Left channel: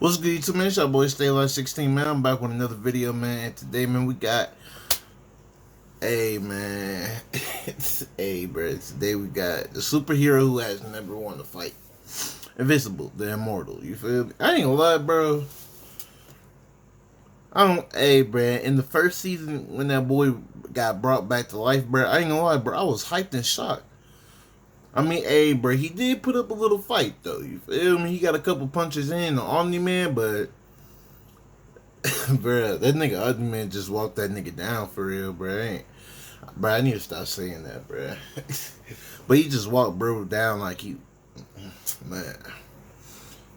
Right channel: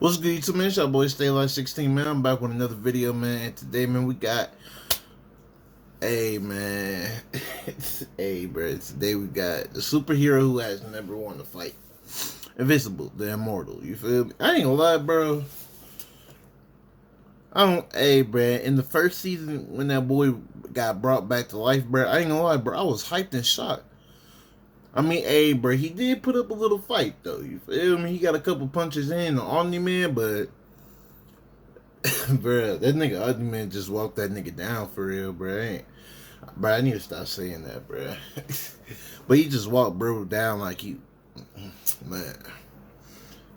What's good, YouTube, man? It's your boy Stay Alive 16, man. I'm back with another video, man. And today, man, we got, hey, man, hey, bro. Today we got the superhero who has never won a fight, Invincible, the Immortal. You feel me? I ain't gonna lie, bro. Hey, bro. In the first season, when that boy got brought back to life, bro, I ain't gonna lie, bro. I was hyped and shocked. I mean, hey, bro, he did put up a little fight, though. You feel me? He got a couple punches in on Omni-Man, but bruh, that nigga Ugly Man just walked that nigga down for real, bruh. I need to stop saying that, bruh. But he just walked bro down like he, man,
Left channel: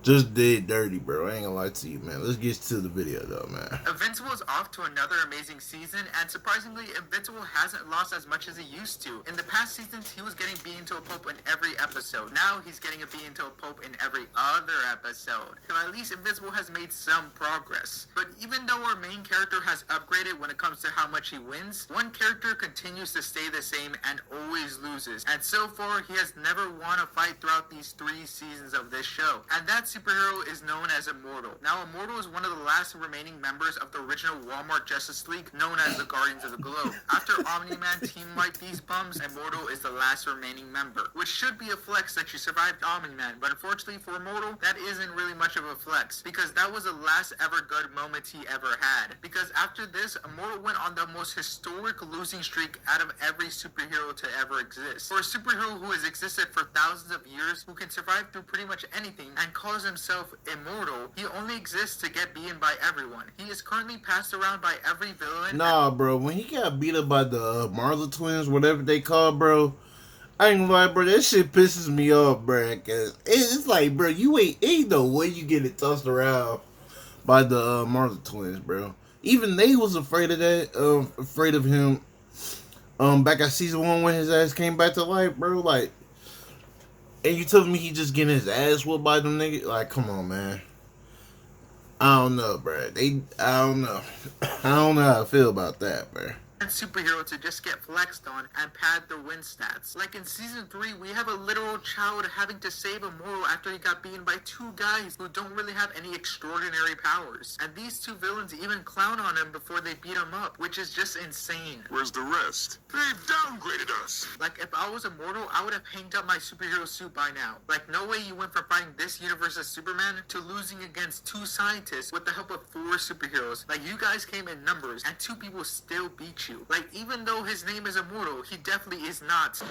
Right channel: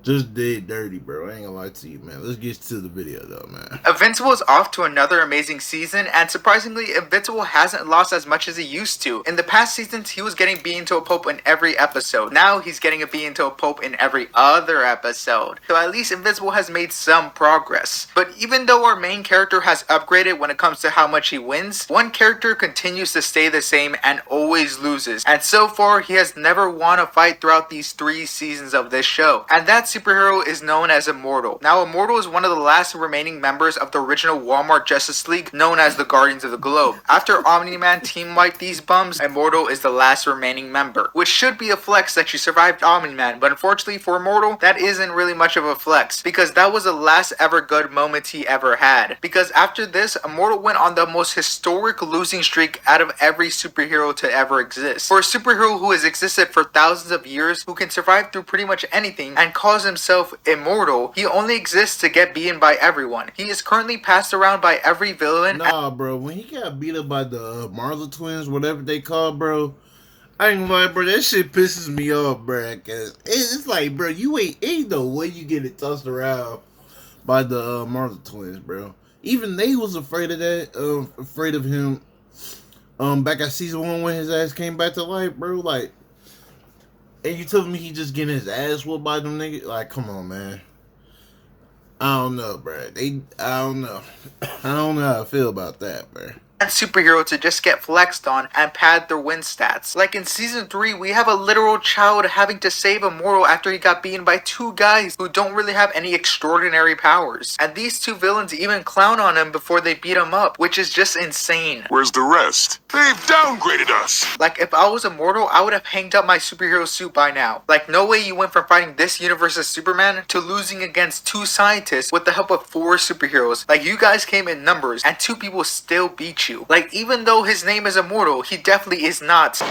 just did dirty, bro. I ain't gonna lie to you, man. Let's get to the video, though, man. Invincible is off to another amazing season, and surprisingly, Invincible hasn't lost as much as he used to. In the past seasons, he was getting beaten to a pulp in every episode. Now he's getting beaten to a pulp in every other episode. So at least Invincible has made some progress. But even though our main character has upgraded when it comes to how much he wins, one character continues to stay the same and always loses. And so far, he has never won a fight throughout these 3 seasons of this show. And that superhero is known as Immortal. Now, Immortal is one of the last remaining members of the original Walmart Justice League, known as the Guardians of the Globe. After Omni-Man team-wiped these bums, Immortal is the last remaining member, which should be a flex that you survived Omni-Man, but unfortunately for Immortal, that isn't really much of a flex, because that was the last ever good moment he ever had. Because after this, Immortal went on the most historic losing streak out of every superhero to ever exist. For a superhero who has existed for thousands of years, who can survive through pretty much anything, and calls himself immortal, he only exists to get beaten by everyone. He is currently passed around by every villain. Nah, bro, when he got beat up by the Marla twins, whatever they call, bro, I ain't gonna lie, bro, that shit pisses me off, bro, cause it's like, bro, you ain't no way you get it tossed around by the Marla twins, bro. Even they was afraid of that, afraid of him, back at season 1 when his ass came back to life, bro, like, and you telling me he just getting his ass whooped by them niggas? Like, come on, man. I don't know, bro. I don't know. I don't know how I feel about that, bro. And superhero to just get flexed on and pad their win stats. Like in season 3, we have a literal child having to save Immortal after he got beaten by 2 guys who don't really have any extraordinary powers. And these 2 villains even clown on him before they beat him up, which is just insane. Where's the rest? They've downgraded us. Like if I was Immortal, I would have hanged up my superhero suit by now. Like no way you went from fighting this universe's Superman to losing against 2 scientists with the help of 4 superheroes. Like you guys came in numbers and 2 people still beat you. Like, even though his name is Immortal, he definitely is not.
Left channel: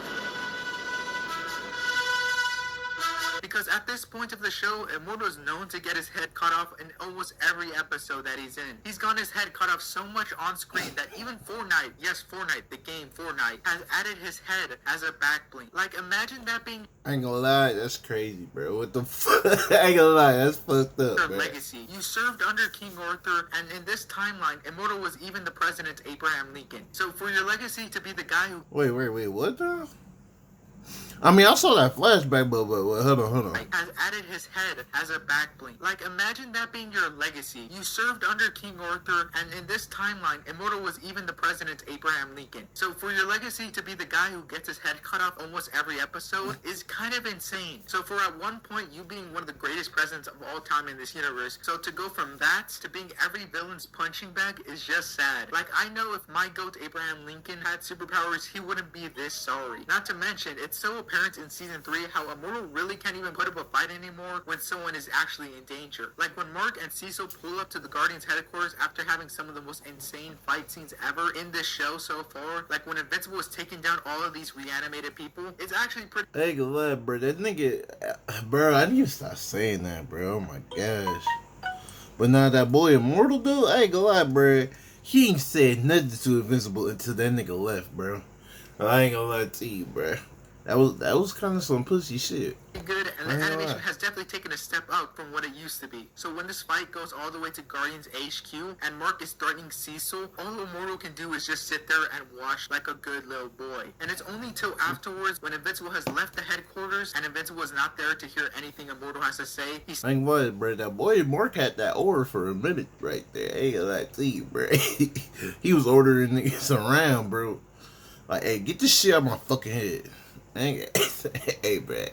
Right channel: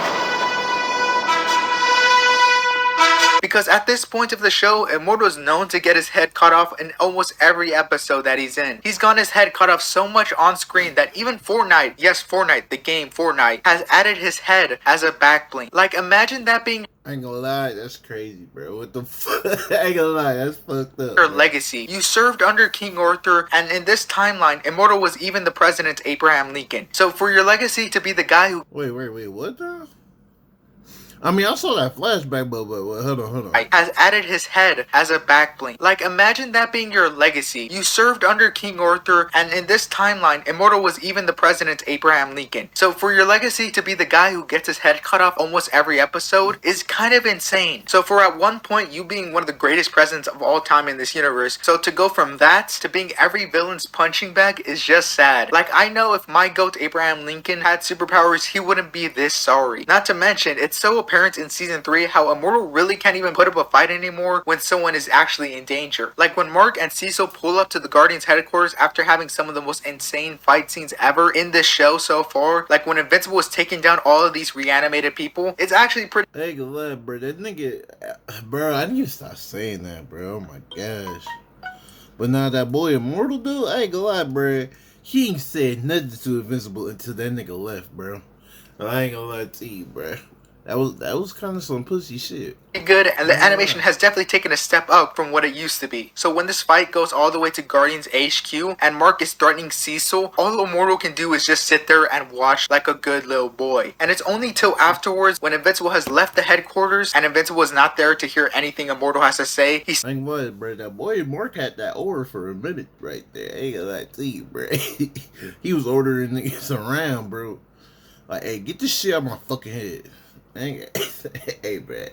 Because at this point of the show, Immortal is known to get his head cut off in almost every episode that he's in. He's gotten his head cut off so much on screen that even Fortnite, yes, Fortnite, the game Fortnite, has added his head as a back bling. Like, imagine that being I ain't gonna lie, that's crazy, bro. What the fuck? I ain't gonna lie, that's fucked up. your Man. legacy. You served under King Arthur, and in this timeline, Immortal was even the president Abraham Lincoln. So for your legacy to be the guy who Wait, what the? I mean, I saw that flashback, but hold on. has added his head as a back bling. Like, imagine that being your legacy. You served under King Arthur, and in this timeline, Immortal was even the president Abraham Lincoln. So for your legacy to be the guy who gets his head cut off almost every episode is kind of insane. So for at one point you being one of the greatest presidents of all time in this universe, so to go from that to being every villain's punching bag is just sad. Like, I know if my goat Abraham Lincoln had superpowers, he wouldn't be this sorry. Not to mention, it's so apparent in season 3 how Immortal really can't even put up a fight anymore when someone is actually in danger. Like when Mark and Cecil pull up to the Guardians headquarters after having some of the most insane fight scenes ever in this show so far. Like when Invincible was taking down all of these reanimated people. It's actually pretty I ain't gonna lie, bro. That nigga, bro, I need to stop saying that, bro. Oh my gosh. But now that boy Immortal, dude, I ain't gonna lie, bro. He ain't said nothing to Invincible until that nigga left, bro. I ain't gonna lie to you, bro. That was kind of some pussy shit. good, and the animation has definitely taken a step up from what it used to be. So when this fight goes all the way to Guardians HQ and Mark is threatening Cecil, all Immortal can do is just sit there and watch like a good little boy. And it's only till afterwards when Invincible has left the headquarters and Invincible is not there to hear anything Immortal has to say. He's like, what, bro? That boy Mark had that order for a minute right there. I ain't gonna lie to you, bro. He was ordering niggas around, bro. Like, hey, get this shit out of my fucking head. Hey, bro.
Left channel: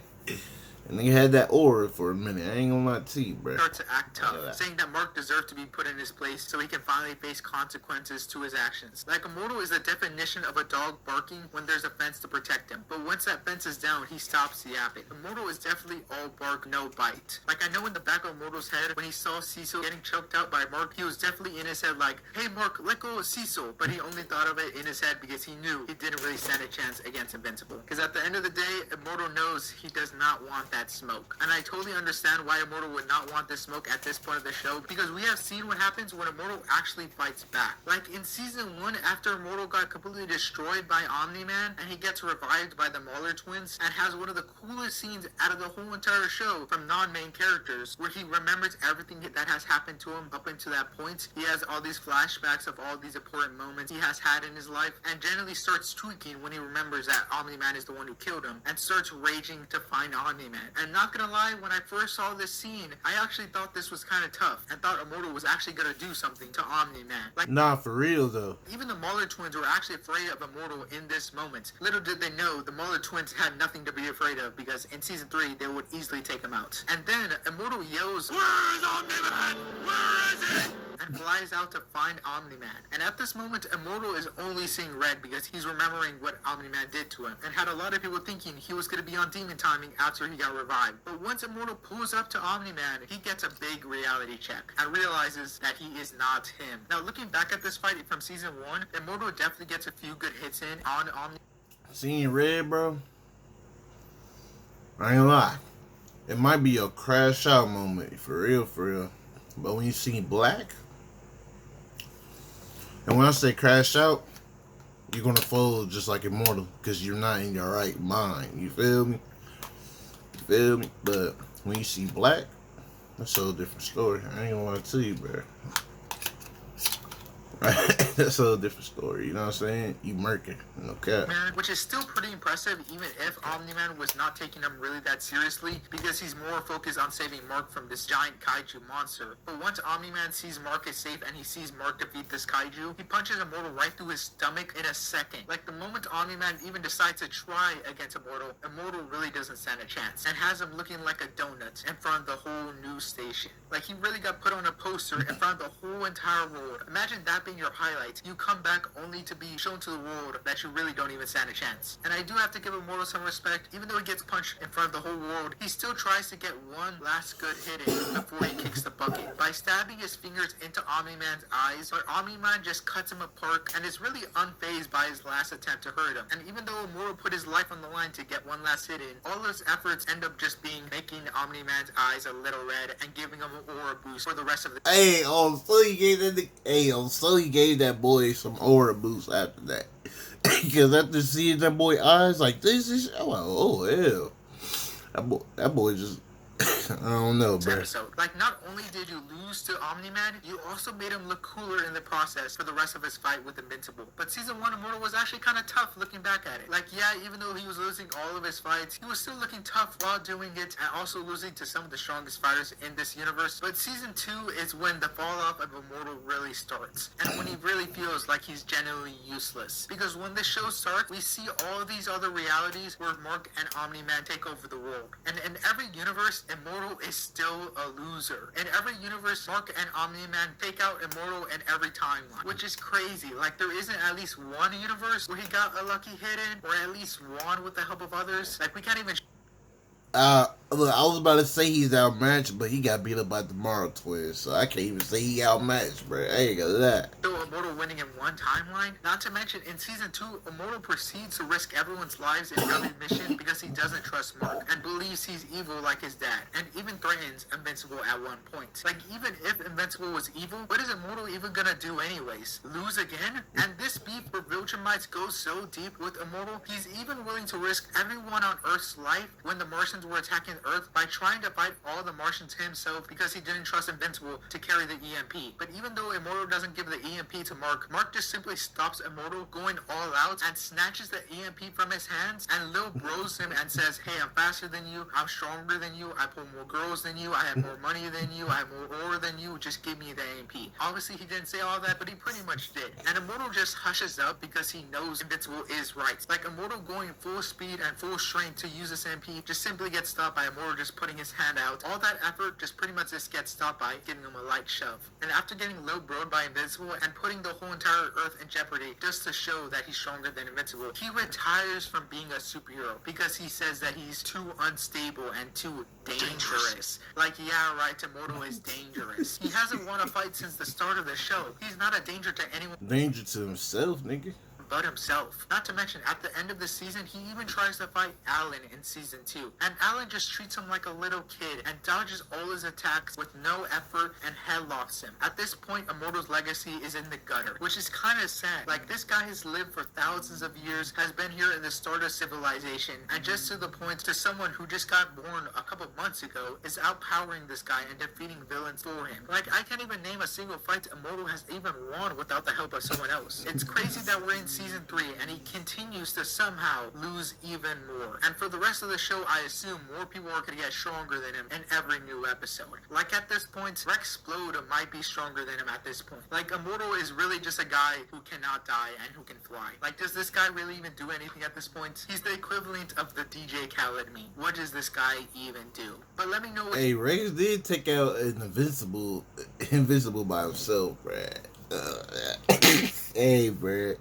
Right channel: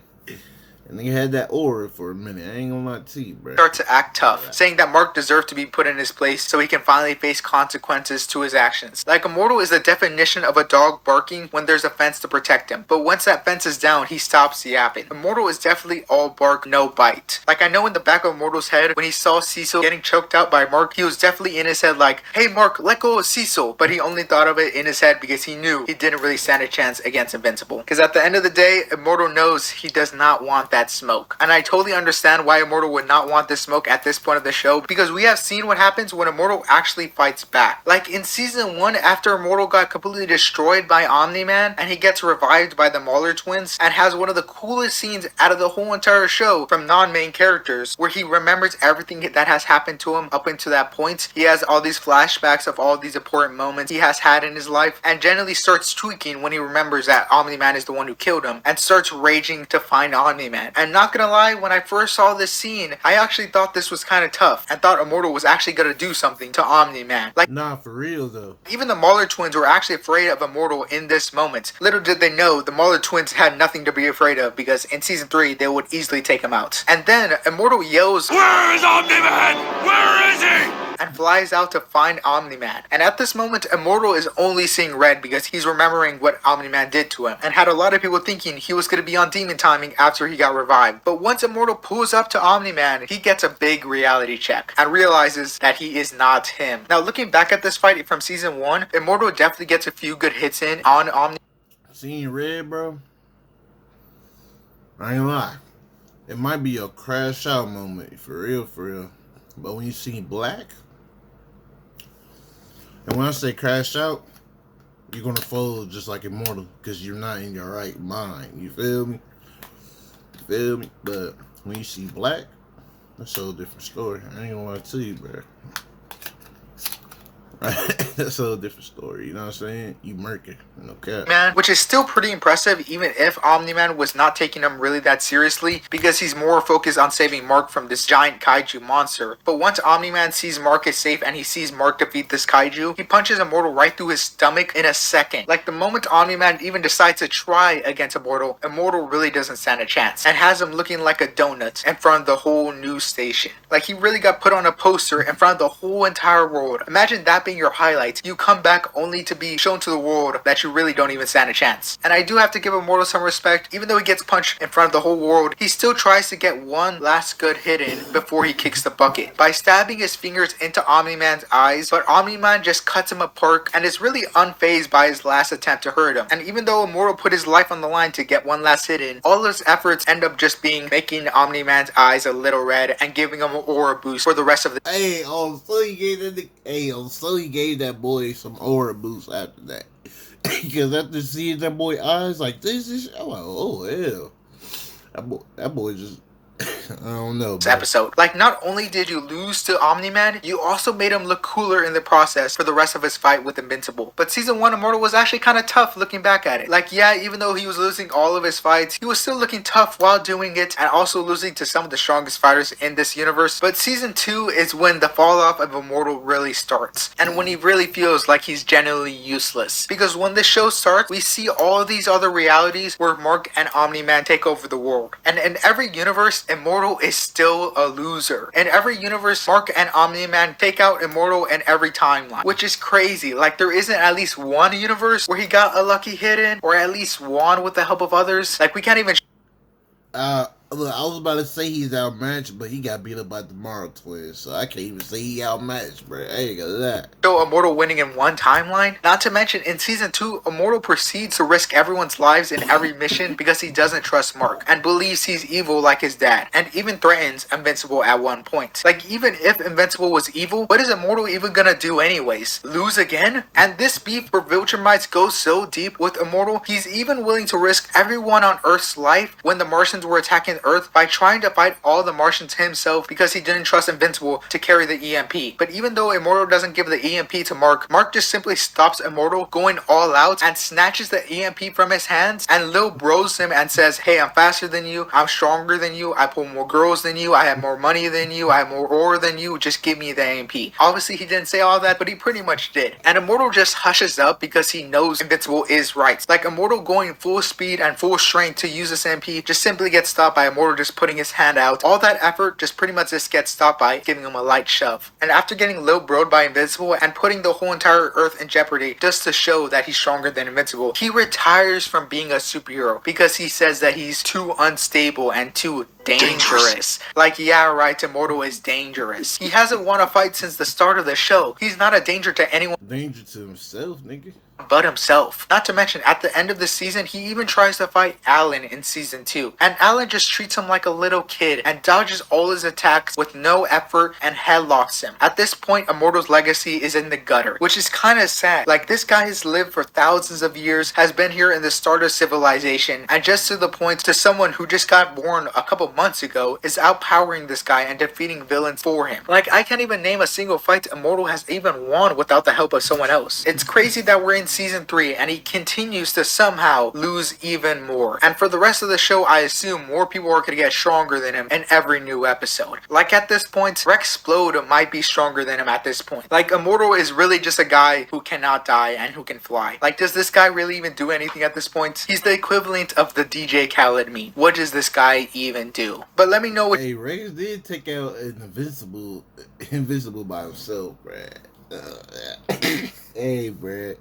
And they had that aura for a minute. I ain't gonna lie to you, bro. Start to act tough, Alright. saying that Mark deserved to be put in his place so he can finally face consequences to his actions. Like, Immortal is the definition of a dog barking when there's a fence to protect him, but once that fence is down, he stops yapping. Immortal is definitely all bark, no bite. Like, I know in the back of Immortal's head, when he saw Cecil getting choked out by Mark, he was definitely in his head like, hey Mark, let go of Cecil, but he only thought of it in his head because he knew he didn't really stand a chance against Invincible. Because at the end of the day, Immortal knows he does not want that smoke. And I totally understand why Immortal would not want this smoke at this point of the show, because we have seen what happens when Immortal actually fights back. Like in season 1, after Immortal got completely destroyed by Omni-Man and he gets revived by the Mauler twins and has one of the coolest scenes out of the whole entire show from non-main characters, where he remembers everything that has happened to him up until that point. He has all these flashbacks of all these important moments he has had in his life, and generally starts tweaking when he remembers that Omni-Man is the one who killed him, and starts raging to find Omni-Man. And not gonna lie, when I first saw this scene, I actually thought this was kind of tough and thought Immortal was actually gonna do something to Omni-Man. Like, Nah, for real though. even the Mauler twins were actually afraid of Immortal in this moment. Little did they know, the Mauler twins had nothing to be afraid of, because in season 3 they would easily take him out. And then Immortal yells, Where is Omni-Man? Where is he? and flies out to find Omni-Man. And at this moment, Immortal is only seeing red because he's remembering what Omni-Man did to him, and had a lot of people thinking he was going to be on demon timing after he got revived. But once Immortal pulls up to Omni-Man, he gets a big reality check and realizes that he is not him. Now, looking back at this fight from season 1, Immortal definitely gets a few good hits in on Omni. Seeing red, bro. I ain't lie. It might be a crash out moment, for real, for real. But when you see black, and when I say crash out, you're gonna fold just like Immortal, because you're not in your right mind. You feel me? You feel me? But when you see black, that's a whole different story. I ain't gonna lie to you, bro. Right? That's a whole different story. You know what I'm saying? You murking, no cap. Man, which is still pretty impressive even if Omni-Man was not taking him really that seriously, because he's more focused on saving Mark from this giant kaiju monster. But once Omni-Man sees Mark is safe and he sees Mark defeat this kaiju, he punches Immortal right through his stomach in a second. Like, the moment Omni-Man even decides to try against Immortal, Immortal really doesn't stand a chance, and has him looking like a donut in front of the whole news station. Like, he really got put on a poster in front of the whole entire world. Imagine that being your highlights. You come back only to be shown to the world that you really don't even stand a chance. And I do have to give Immortal some respect. Even though he gets punched in front of the whole world, he still tries to get one last good hit in before he kicks the bucket by stabbing his fingers into Omni-Man's eyes, but Omni-Man just cuts him apart and is really unfazed by his last attempt to hurt him. And even though Immortal put his life on the line to get one last hit in, all his efforts end up just being making Omni-Man's eyes a little red and giving him an aura boost for the rest of the Hey, so he gave he gave that boy some aura boost after that. Because after seeing that boy eyes like this, I'm like, oh hell, that boy just, I don't know, bro. episode. Like, not only did you lose to Omni-Man, you also made him look cooler in the process for the rest of his fight with Invincible. But season 1 Immortal was actually kind of tough looking back at it. Like, yeah, even though he was losing all of his fights, he was still looking tough while doing it, and also losing to some of the strongest fighters in this universe. But season 2 is when the fall off of Immortal really starts, and when he really feels like he's genuinely useless. Because when this show starts, we see all these other realities where Mark and Omni-Man take over the world. And in every universe, Immortal is still a loser. In every universe, Mark and Omni-Man take out Immortal in every timeline, which is crazy. Like, there isn't at least one universe where he got a lucky hit in, or at least won with the help of others. Like, we can't even Look, I was about to say he's outmatched, but he got beat up by the Mauler twins, so I can't even say he outmatched, bro. I ain't gonna lie. show Immortal winning in one timeline. Not to mention, in season 2, Immortal proceeds to risk everyone's lives in every mission because he doesn't trust Mark and believes he's evil like his dad, and even threatens Invincible at one point. Like, even if Invincible was evil, what is Immortal even gonna do anyways? Lose again? And this beef for Viltrumites goes so deep with Immortal, he's even willing to risk everyone on Earth's life when the Martians were attacking Earth by trying to fight all the Martians himself because he didn't trust Invincible to carry the EMP. But even though Immortal doesn't give the EMP to Mark, Mark just simply stops Immortal going all out and snatches the EMP from his hands and Lil bros him and says, hey, I'm faster than you, I'm stronger than you, I pull more girls than you, I have more money than you, I have more ore than you, just give me the EMP. Obviously he didn't say all that, but he pretty much did. And Immortal just hushes up because he knows Invincible is right. Like, Immortal going full speed and full strength to use this EMP just simply gets stopped by Immortal just putting his hand out, all that effort just pretty much just gets stopped by giving him a light shove. And after getting low broed by Invincible and putting the whole entire Earth in jeopardy just to show that he's stronger than Invincible, he retires from being a superhero because he says that he's too unstable and too dangerous. Like, yeah, right, Immortal is dangerous. He hasn't won a fight since the start of the show. He's not a danger to anyone. Danger to himself, nigga. But himself. Not to mention, at the end of the season, he even tries to fight Alan in season 2. And Alan just treats him like a little kid and dodges all his attacks with no effort and headlocks him. At this point, Immortal's legacy is in the gutter, which is kind of sad. Like, this guy has lived for thousands of years, has been here in the start of civilization, and just to the point to someone who just got born a couple months ago is outpowering this guy and defeating villains for him. Like, I can't even name a single fight Immortal has even won without the help of someone else. It's crazy that we're in season 3 and he continues to somehow lose even more. And for the rest of the show, I assume more people are going to get stronger than him in every new episode. Like, at this point, Rex Splode might be stronger than him at this point. Like, Immortal is really just a guy who cannot die and who can fly. Like, does this guy really even do anything at this point? He's the equivalent of the DJ Khaled meme. What does this guy even do? But let me know what— Hey, Rex did take out an Invincible by himself, bruh. Hey, bruh.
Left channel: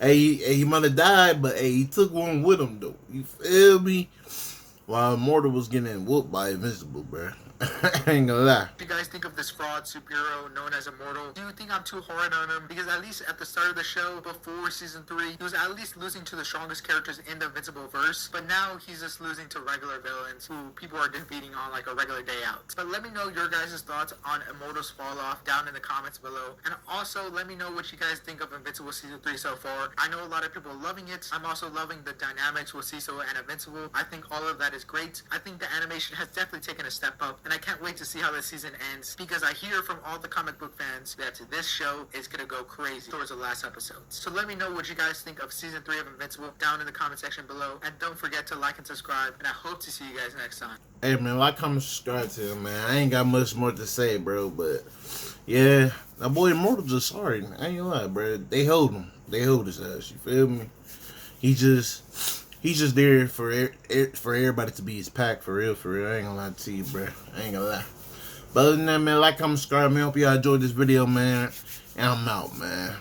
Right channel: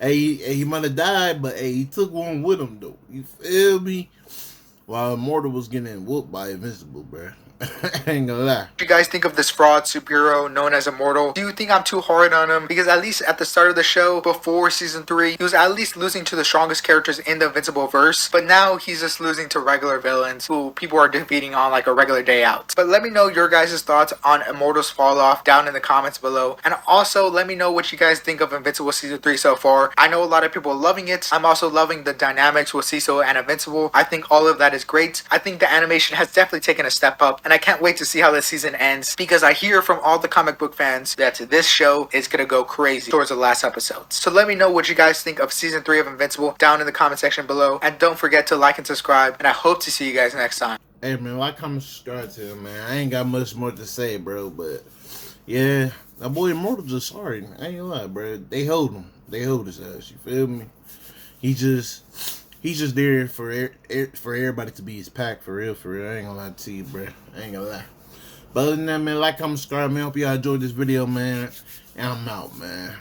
Hey, he might have died, but hey, he took one with him, though. You feel me? While Immortal was getting whooped by Invincible, bruh. I ain't gonna lie. What do you guys think of this fraud superhero known as Immortal? Do you think I'm too hard on him? Because at least at the start of the show, before season 3, he was at least losing to the strongest characters in the Invincible verse. But now he's just losing to regular villains who people are defeating on like a regular day out. But let me know your guys' thoughts on Immortal's fall off down in the comments below. And also let me know what you guys think of Invincible season 3 so far. I know a lot of people are loving it. I'm also loving the dynamics with Cecil and Invincible. I think all of that is great. I think the animation has definitely taken a step up. And I can't wait to see how this season ends, because I hear from all the comic book fans that this show is gonna go crazy towards the last episodes. So let me know what you guys think of season 3 of Invincible down in the comment section below, and don't forget to like and subscribe, and I hope to see you guys next time. Hey, man, like, comment, subscribe to him, man. I ain't got much more to say, bro, but yeah, that boy Immortal just sorry. I ain't gonna lie, bro. They hold him. They hold his ass. You feel me? He's just there for everybody to be his pack, for real, for real. I ain't gonna lie to you, bro. I ain't gonna lie. But other than that, man, like, comment, subscribe, man. Hope y'all enjoyed this video, man. And I'm out, man.